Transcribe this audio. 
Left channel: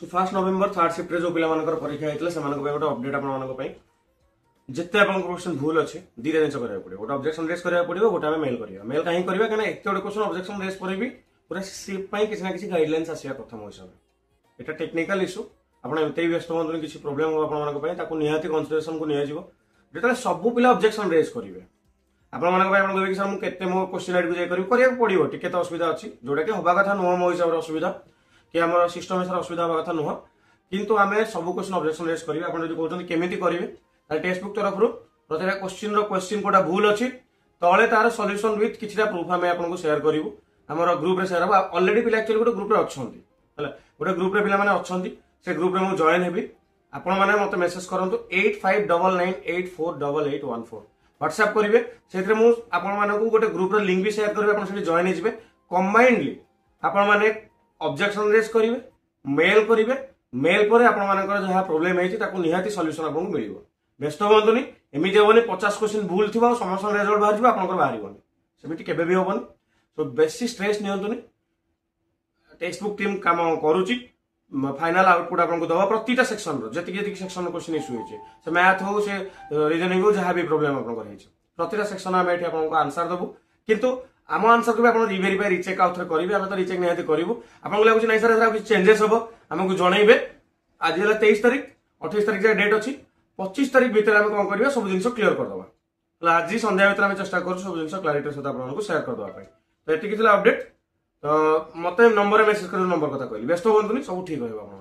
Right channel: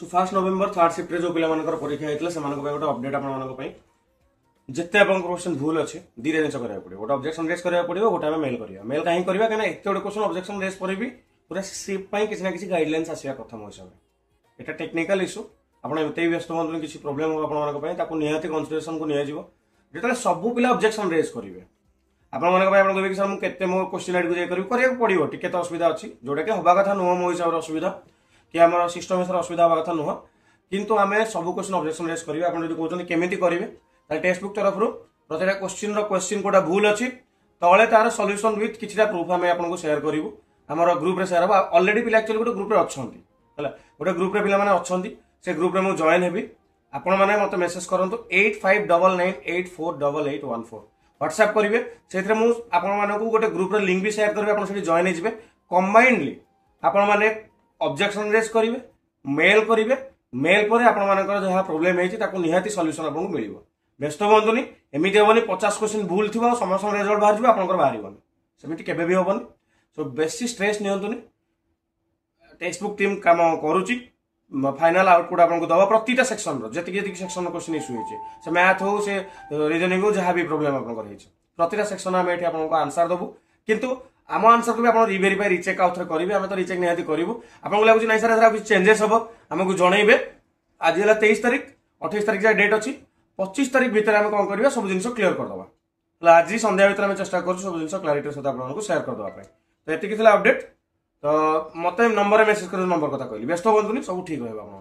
सो 1 नवेम्बर 3rd shift जो पिला परीक्षा होता है गोटे अपडेट आप जिते आप क्वेश्चन भूल अच्छे दीटा जिन करा पड़े गोटे ऑब्जेक्शन रेज करा पड़ो गोटे आम मेल करा मेल कहीं करेंगे कहीं एत गोटे क्वेश्चन ऑब्जेक्शन रेज पर भी पूरा स्क्रिप्ट किसी ना किसी गाइडलाइंस आसा कथा मो हिसाब से यहाँ टेक्निकल इश्यू आपत व्यस्त हूँ किसी प्रोब्लेम हो निहाती कनसिडरेशन को निया जो सब पिला ऑब्जेक्शन रेज करेंगे आपको कि सर मुझे मो क्वेश्चन आइड को करा पड़ो टी तो असुविधा अच्छी जोटा कि हवा कथा नुह मो हिसाब से असुविधा कि आम सिस्टम हिसाब से असुविधा हवा कथा नुह किंतु आम सब क्वेश्चन ऑब्जेक्शन रेज करेंगे आप कहते केमी करेंगे टेक्स्ट बुक तरफ प्रत्येक क्वेश्चन कोटा भूल अच्छी तले तार सॉल्यूशन विथ किसी प्रूफ आम आपको शेयर करूँ आम ग्रुप रे शेयर हम ऑलरेडी पिला एक्चुअली गोटे ग्रुप अच्छा गोटे ग्रुप रे पिला अच्छा से ग्रुप रे मुझे जॉइन हेबी आपण मैंने मत मेसेज करूँ 8599848814 व्हाट्सएप करेंगे से गोटे ग्रुप लिंक भी शेयर करेंगे आप जॉइन हो कंबाइंडली आपण मैंने ऑब्जेक्शन रेज करेंगे मेल करेंगे मेल पर आपर जहाँ प्रोब्लेम है निहाती सॉल्यूशन आपको मिल व्यस्त हूँ एमती हेनी 50 क्वेश्चन भूल थी समस्त रिजल्ट बाहर आप बाहर सेमती केवे भी हेनी सो बेसी स्ट्रेस नियंतुनी टेक्स्ट बुक टीम काम करुच्ची फाइनल आउटपुट आपको दवा प्रति सेक्शन जी सेक्शन क्वेश्चन इश्यू होती से मैथ हो से रिजनिंग हो जहाँ भी प्रोब्लेम आप प्रति सेक्शन आम ये आपको आंसर देवु किंतु आम आंसर को भी आप रिवेरीफाई रिचेक आउ थे करेंगे आम तो रिचेक निहाती करूँ आपको लगुच ना सर कुछ चेंजेस हम आमको जनइबे आज है 23 तारीख 28 तारीख जहाँ डेट अच्छी 25 तारीख भितर आम कौन करवा सब जिन क्लीयर करदे आज संध्या भितर आम चेष्टा कर सब जिन क्लारिटी सहित आपको शेयर करदे तो ये अपडेट तो मत नंबर मेसेज कर नंबर कथा कहली व्यस्त हूँ सब ठीक रहा।